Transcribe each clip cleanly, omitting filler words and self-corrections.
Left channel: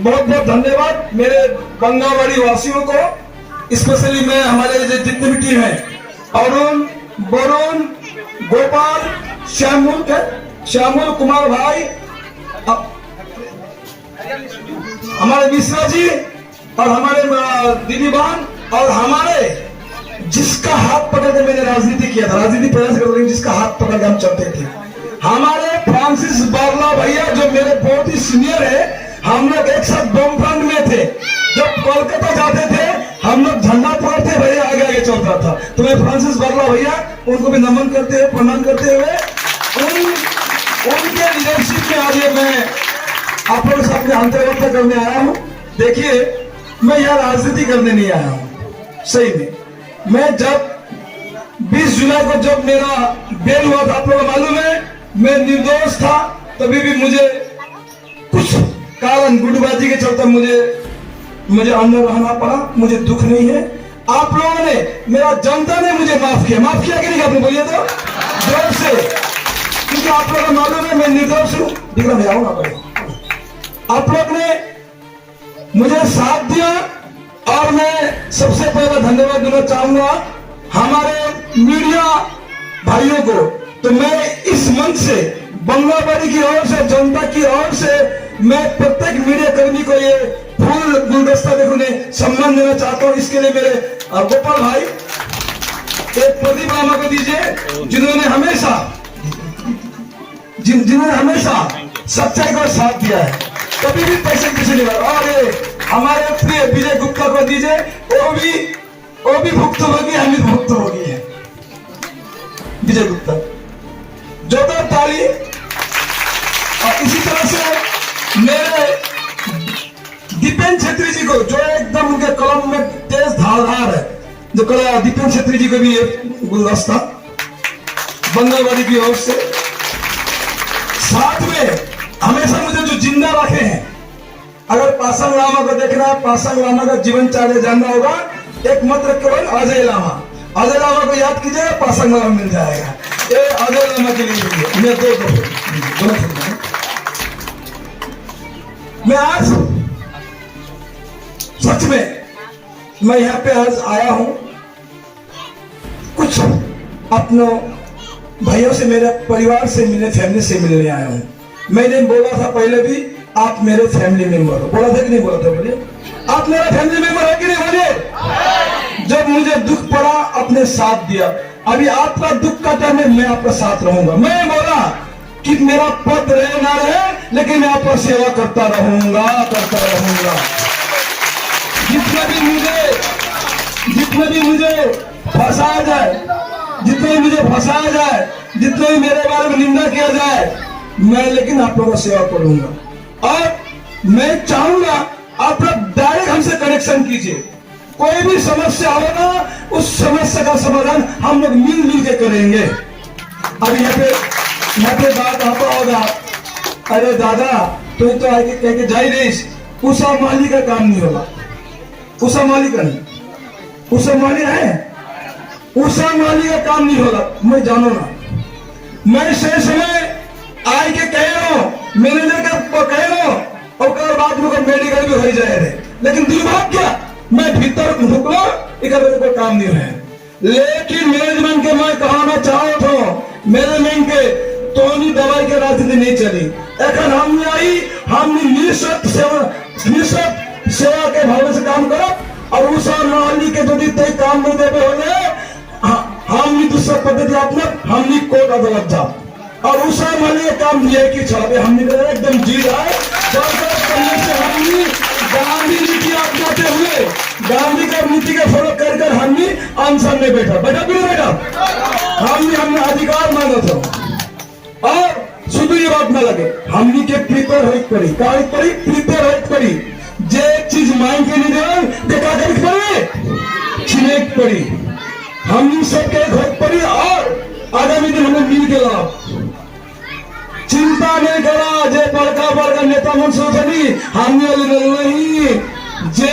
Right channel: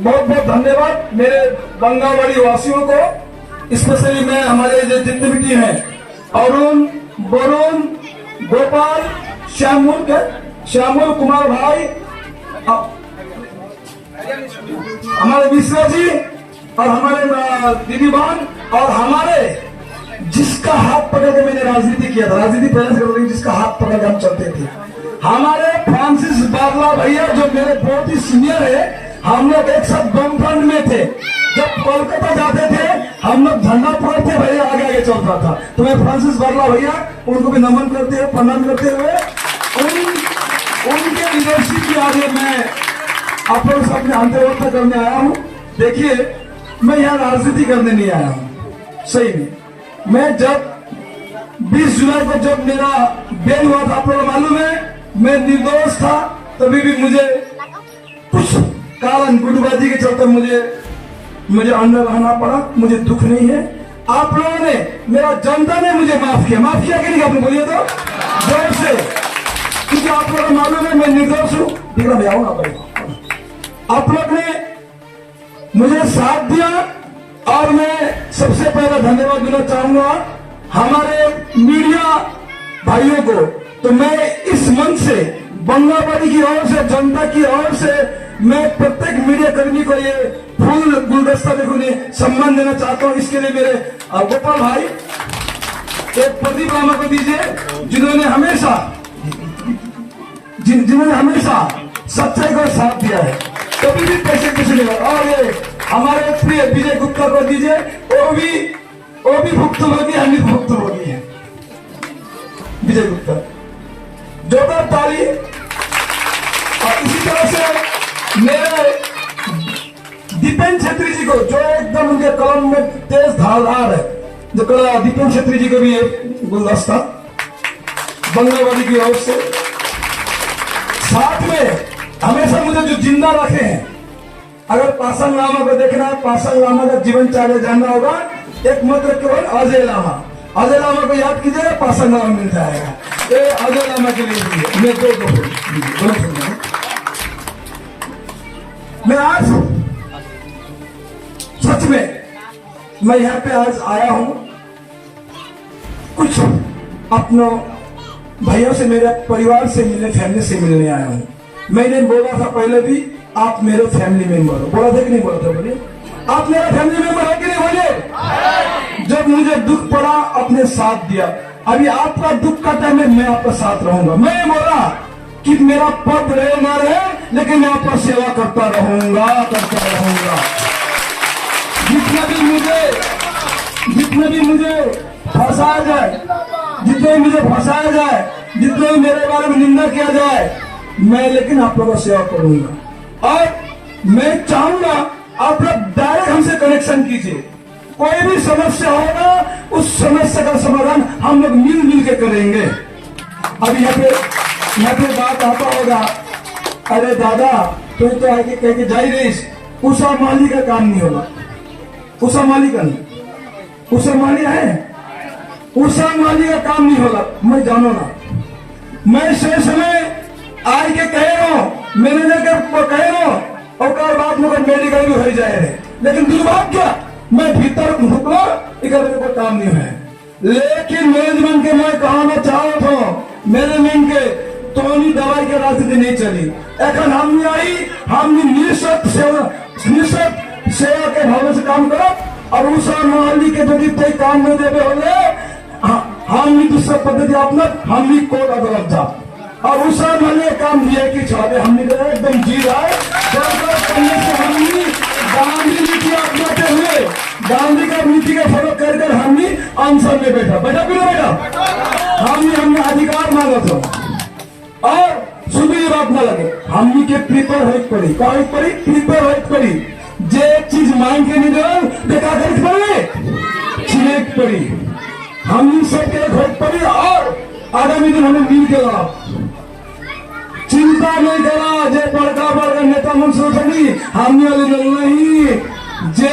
बहुत बहुत धन्यवाद मेरे बंगावाड़ी वासियों को, स्पेशली मैं हमारे जो जितनी भी टीम है, अरुण, वरुण, गोपाल, श्यामुल कुमार भाई, हमारे मिश्रा जी और हमारे दीदी बहन, और हमारे जिसका हाथ पकड़ के मैंने राजनीति किया था, राजनीति प्रयास करते जिसका हाथ पकड़ के हम चलते थे, हमारे फ्रांसिस बारला भैया जो मेरे बहुत ही सीनियर है, हम लोग एक साथ बमफ्रंट में थे। जब कोलकाता जाते थे हम लोग झंडा पकड़ते भैया आगे आगे चल रहा था। तो मैं फ्रांसिस बारला भैया उनको भी नमन करते हुए, प्रणाम करते हुए, उनके लीडरशिप में आज मैं आप लोगों से अपने अंतर्वार्ता करने आया हूँ। देखिए, मैं यहाँ राजनीति करने नहीं आया हूँ। सही में मैं जब 20 जुलाई को जब मेरा बेल हुआ था, आप लोगों को मालूम है, मैं निर्दोष था। तभी भी मुझे कुछ कारण गुटबाजी के चलते मुझे अंदर रहना पड़ा। मुझे दुख नहीं है। आप लोगों ने, मेरा जनता ने मुझे माफ किया कि नहीं? आपने बोलिए तो जोर से, क्योंकि आप लोगों को मालूम है मैं निर्दोष हूँ। दिखना मैं आऊंगा भाई, आप लोग ने मुझे साथ दिया और मैं सबसे पहला धन्यवाद देना चाहूंगा हमारे मीडिया भाइयों को। तो मैं इस मंच से बंगावाड़ी की ओर से, जनता की ओर से मैं प्रत्येक मीडिया कर्मी को ये फूल गुलदस्ता देखने सम्मान देना चाहता हूँ। इसके लिए मेरे गोपाल भाई एक प्रदीप रामा को दीजिए, जिन्होंने हमेशा सच्चाई का साथ दिया है, कभी भी पैसे किसी ने। और ये हमारे प्रिय विजय गुप्ता को दीजिए, वो भी भुक्तभोगी, हम भी भुक्तभोगी है। विजय गुप्ता जोरदार ताली। और इसी तरह से मेरे दीपेन छेत्री जी को, जो एकदम उनके कलम में तेज धारदार है, जो कला दीपेन छेत्री जी को भी एक गुलदस्ता बंगावाड़ी की ओर से। साथ में हमेशा मुझे जो जिंदा रखे हैं, अगर पासांग लामा को देखना है, पासांग लामा का जीवन चार्य जानना होगा, एकमात्र केवल अजय लामा। अजय लामा को याद कीजिएगा, पासांग लामा मिल जाएगा। ये अजय लामा के लिए मैं मैं आज सच में मैं यहाँ पे आज आया हूं कुछ अपनों भाइयों से, मेरे परिवार से मिलने, फैमिली से मिलने आया हूं। मैंने बोला था पहले भी, आप मेरे फैमिली मेंबर हो। बोला था कि नहीं बोला था? बोलिए, आप मेरा फैमिली मेंबर हो कि नहीं? बोलिए। जब मुझे दुख पड़ा अपने साथ दिया। अभी आपका दुख का टाइम में मैं आपका साथ रहूंगा। मैं बोला कि मेरा पद रहे ना रहे, लेकिन मैं आपका सेवा करता रहूंगा। जितना भी मुझे फंसाया जाए, जितने भी मेरे बारे में निंदा किया जाए, मैं लेकिन आप लोगों का सेवा करूंगा। और मैं चाहूंगा आप लोग डायरेक्ट हमसे कनेक्शन कीजिए। कोई भी समस्या होगा, उस समस्या का समाधान हम लोग मिलजुल के करेंगे। अब यहाँ पे बात आता होगा, अरे दादा तू तो आगे कह के जा ही रही, उषा माली का काम नहीं होगा। उषा माली का नहीं, उषा माली है, उषा माली का काम नहीं होगा। मैं जानो ना, मैं से समय आए के कह रहा हूँ, मैनेजर के कह रहा हूँ, और बाद में मेडिकल भी हो जाए रहे, लेकिन दुर्भाग्य मैं भीतर ढुकलो कोई काम नहीं है। लेकिन मैनेजमेंट के मैं कहना चाहता हूँ, मैनेजमेंट के तो दवाई के राजनीति नहीं चली। এখন हमने निःस्वार्थ सेवा के भाव से काम करो, और उषा माली के यदि तय काम नहीं देवे होले, हमने दूसरा पद्धति अपना, हमने कोर्ट अदालत जा, और उषा माली का काम दिए कि छावे हमने एकदम जी रहा है। हमने गांधी नीति अपनाते हुए, गांधी का नीति के फॉलो कर हमने अनशन में बैठा हमने अधिकार मांगा था। और शुद्ध ये बात ना लगे, हमनी के प्रिपेयर हो पड़ी, प्रिपेयर हो पड़ी। जे चीज मांग के नहीं दे देखा कर पड़ी, छिनेक पड़ी। हमनी सबके घर पड़ी और आगामी दिन हमें मिल के लाभ चिंता नहीं करा जे बड़का बड़का नेता मन सोचनी हमने नहीं जे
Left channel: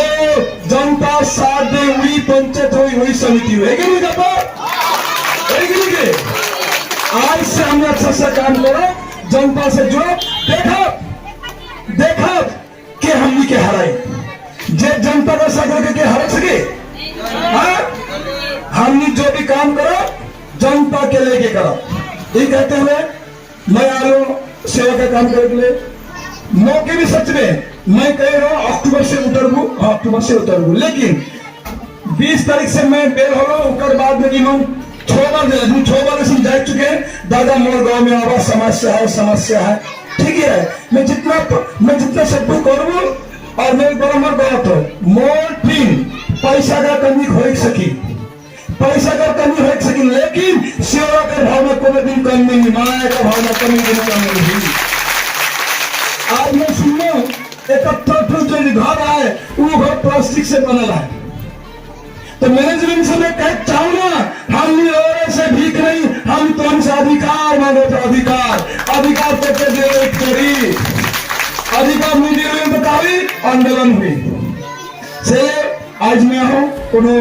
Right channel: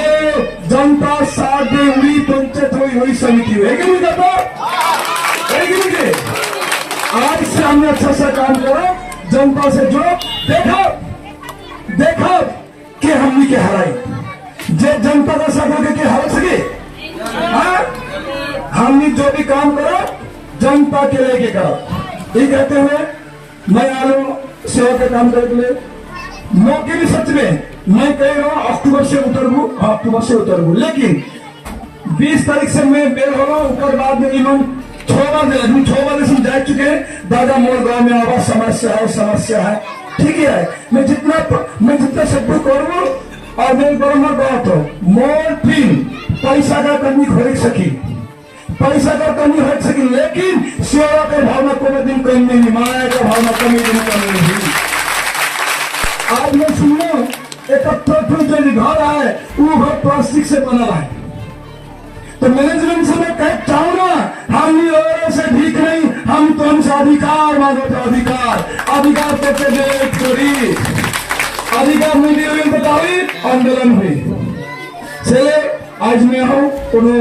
जनता साथ दे हुई पंचायत हुई वही समिति हुई है कि नहीं जनता है कि नहीं के आज से हमने अच्छा सा काम करा जनता से जो देखा देखा कि हमनी के हराई जे जनता का साथ करके हरा सके हमने जो भी काम करो जनता के लेके करो ये कहते हुए मैं आ रहा हूँ सेवा का काम करने के लिए मौके भी सच में मैं कह रहा हूँ अक्टूबर से उतरबू लेकिन 20 तारीख से मैं बेर हो रहा हूँ उसके बाद में 6 बजे से जा चुके दादा मोर गांव में आवाज समस्या है ठीक है मैं जितना सब करूँ और मैं बराबर गाँव तो मोर टीम पैसा का कमी हो सकी लेकिन सेवा के भाव में कोई दिन कमी नहीं माया के भाव में कमी नहीं आज मैं सुनो जो घर है वो घर प्लास्टिक से बना है तो मैनेजमेंट से मैं कह चाहूंगा हम और से भीख नहीं हम तो हमसे अधिकार मांगो तो अधिकार करके दे थोड़ी अधिकार नहीं बताओ आंदोलन हुई से आज मैं हूँ कोनो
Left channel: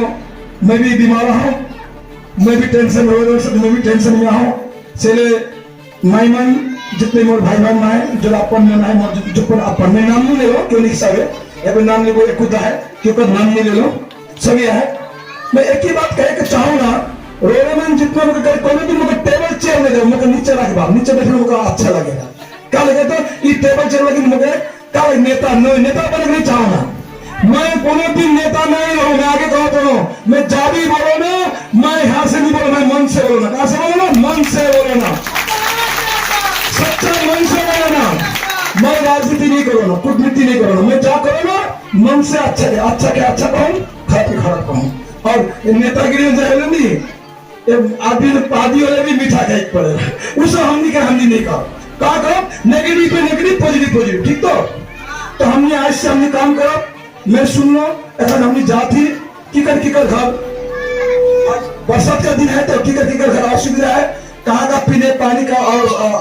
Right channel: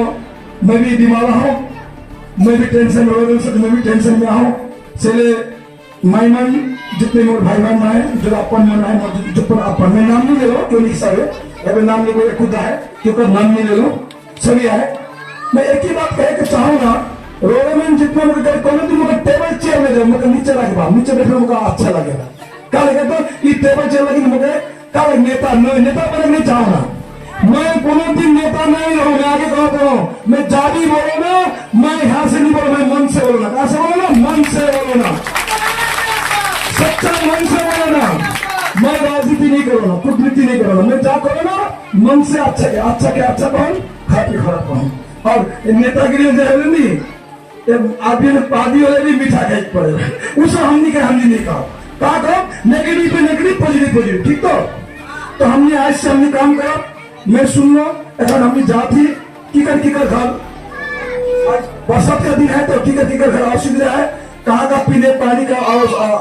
मैं भी बीमार हूँ मैं भी टेंशन में हूँ चले नाइमन जितने मोर भाई बहन है जो अपन मन है जो अपन में नाम नहीं ले लो क्यों नहीं सब है नाम ले लो खुद है क्योंकि नाम नहीं ले लो सभी है मैं एक ही बात कह के चाहूंगा रोड में जितना कोई भी मुझे टेबल चेयर में जाओ मुझे नीचे रखवा नीचे बैठने मुझे अच्छा लगेगा क्या लगे तो ये टेबल चेयर लगी मुझे क्या नेता बनने नहीं चाहूंगा मैं कोनो दिन नेता नहीं हूँ मैं आगे कहता हूँ मैं जादी बोलो ना मैं यहाँ से नहीं बोलो मैं मन से बोलो ना कहाँ से बोलो ना मन से बोलो ना सच्चा मन से बोलो ना मैं राजनीति नहीं करो ना कूटनीति नहीं करो ना मैं जा करो ना मन से अच्छा के अच्छा कहूँ खराब कहूँ और नेतागिरी जो है नहीं आदमी पादी वाले भी मीठा खाई पड़ेगा उसे हमने नहीं कहा करो नेगेटिव पे नेगेटिव पॉजिटिव ठीक तो हमने आज से हमने काम करा मैं सुनना अगर हमने जाती किकर घर बरसात का दिन है तो किकर घर असुविधा है कहाँ का पीने पानी का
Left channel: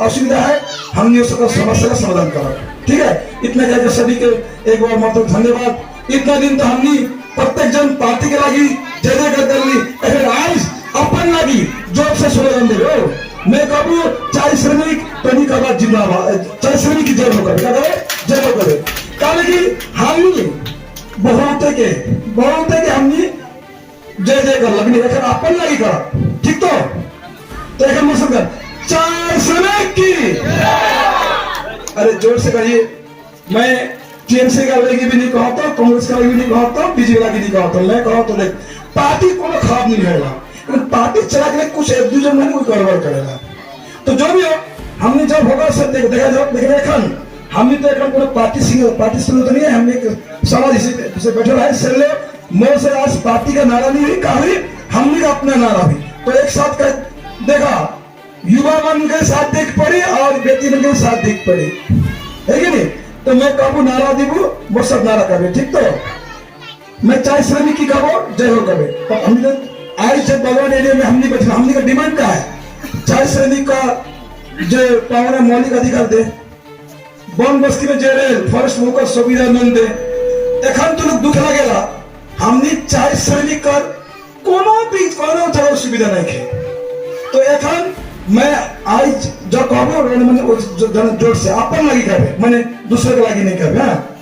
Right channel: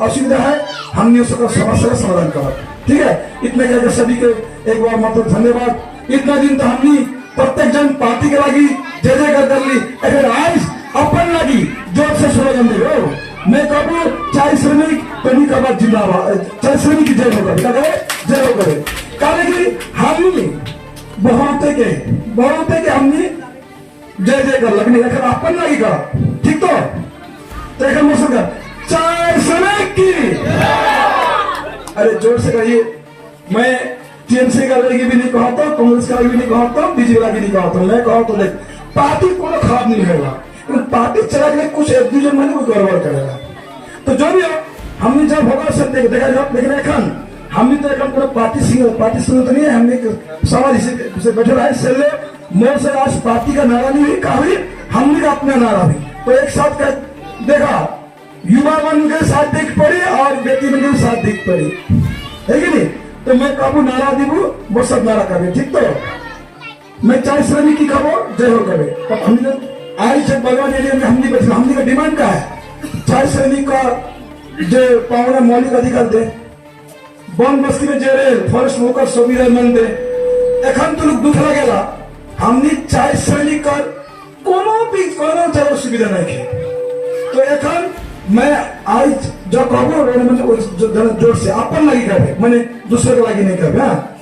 असुविधा है हमने उसका समस्या का समाधान करा ठीक है इतने कहते सभी के एक बार मतलब धन्यवाद इतना दिन तो हमने प्रत्येक जन पार्टी के लगी जय कर ली अगर आज अपन लगी जोर से स्लोगन दे मैं कहूँ चाहे श्रमिक टनी का बात जिंदाबाद चाहे श्रमिक की जय हो करे लेकिन हमने बहुत के हमने जय कर लगनी अगर अपन लगी करा ठीक तो एक मौसम का चाहे श्रमिक की अरे जोर से कहिए मैं टीएमसी का लगी भी नहीं कहता कांग्रेस का भी नहीं कहता बीजेपी का भी नहीं कहता मैं कहूँ तो देख पार्टी को खराब नहीं होगा पार्टी चला के कुछ एक दूसरे में कोई गड़बड़ करेगा तो जो भी हो हमने जब होगा सब देखा जब देख रहे हमने तो एक पार्टी तो नहीं है हमने समाज से बैठे रहे सेले मोर से आज पार्टी का नारा नहीं हुई कहा हमने का अपना नारा भी तो एक साथ देखा युवा मन के साथ देख पड़े और व्यक्ति मन के साथ देख पड़े है कि नहीं तो मैं कहूँ नारा दीबू वो सब नारा करे ठीक तो मैं चाहे श्रमिक की कहो जय हो करे तो हमने आज जब बलवान एरिया में हमने बैठे हमने का डिमांड क्या है चाहे श्रमिक का जो पावना मौलिक अधिकार दे वन बस्ती में जेरे फॉरेस्ट होकर सुविधा न दे एखन तो दुख लगेगा हमने चाहे श्रमिक का कोनो तरह सुविधा नहीं खे तो एखन मैं आज जो कहूँ जोर से अपन लगी करे मैंने दूसरे के लगी नहीं कर